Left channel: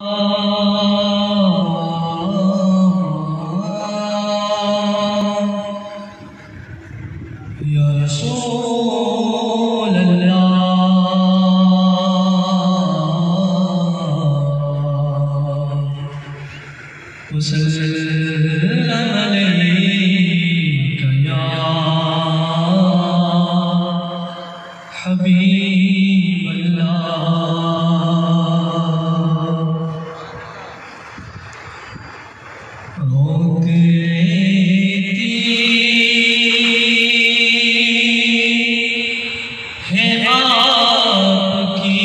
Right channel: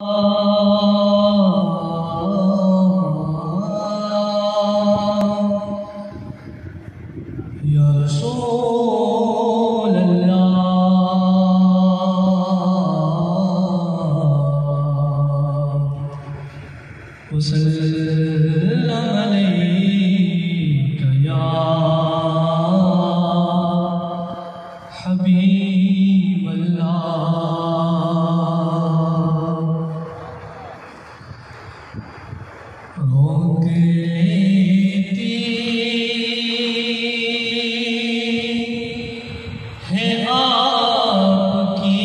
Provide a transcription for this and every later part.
या रसूल अल्लाह वसल्लम अलैका या हबीब अल्लाह। रोक लेती है आपकी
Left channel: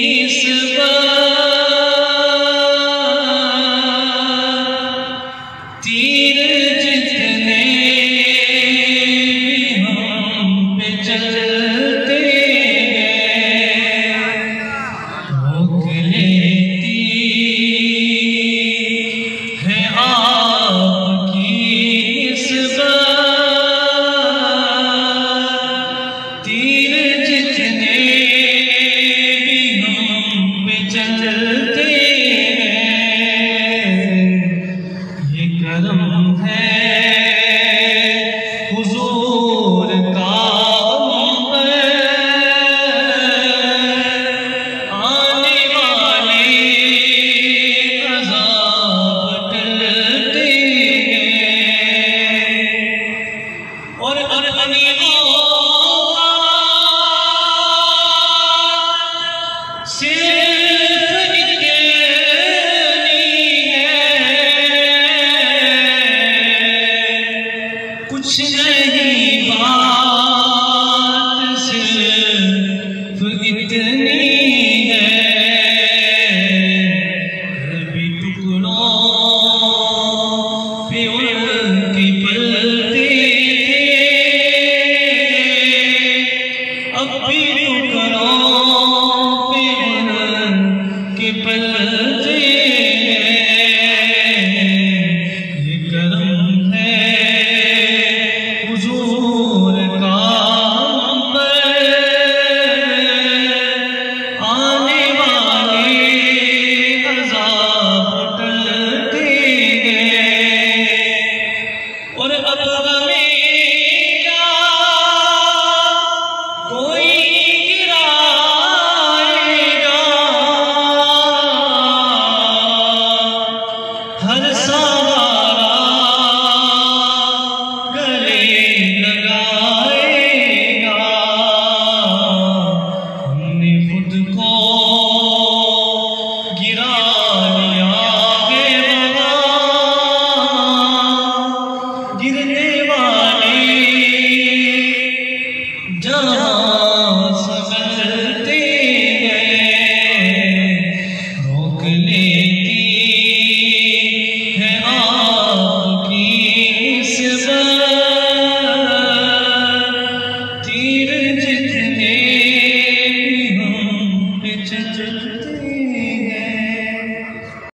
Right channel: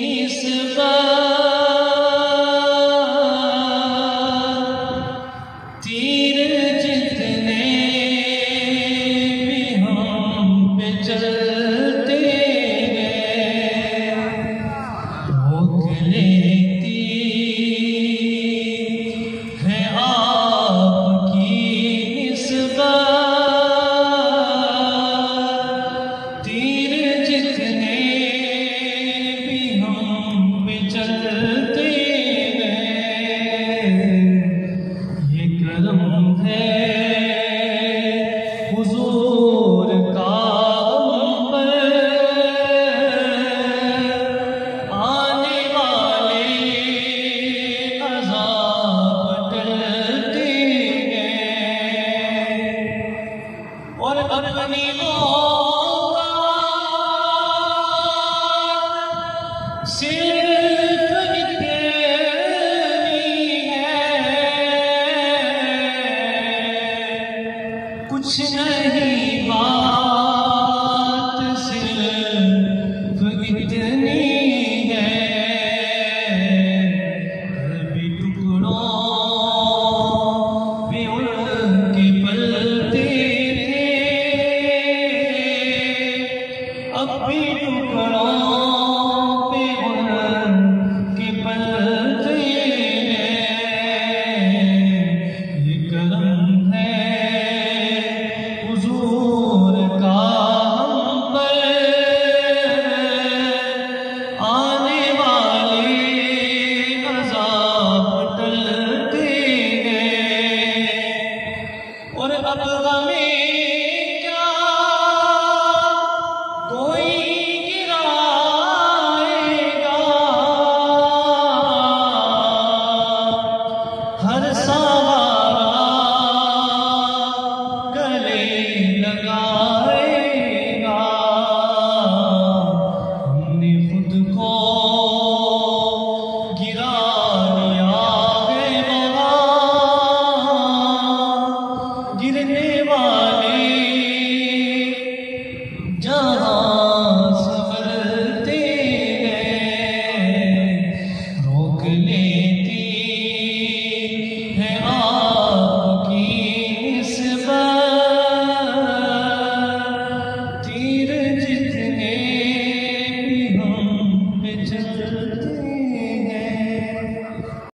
निस्बत, तीर जितने भी हम पे चलते हैं। रोक लेती है आपकी निस्बत, तीर जितने भी हम पे चलते हैं। ये करम है हुजूर का हम पर, आने वाले अज़ाब टलते हैं। और अपनी औकात सिर्फ इतनी है, कुछ नहीं बात सिर्फ इतनी है। कभी टुकड़ों पे उनके पलते थे, अब भी टुकड़ों पे उनके पलते हैं। ये करम है हुजूर का हम पर, आने वाले अज़ाब टलते हैं। और अब हमें क्या कोई गिराएगा, हर सहारा गले लगाएगा। हमने खुद को गिरा लिया है वहाँ, गिरने वाले जहाँ संभलते हैं। रोक ले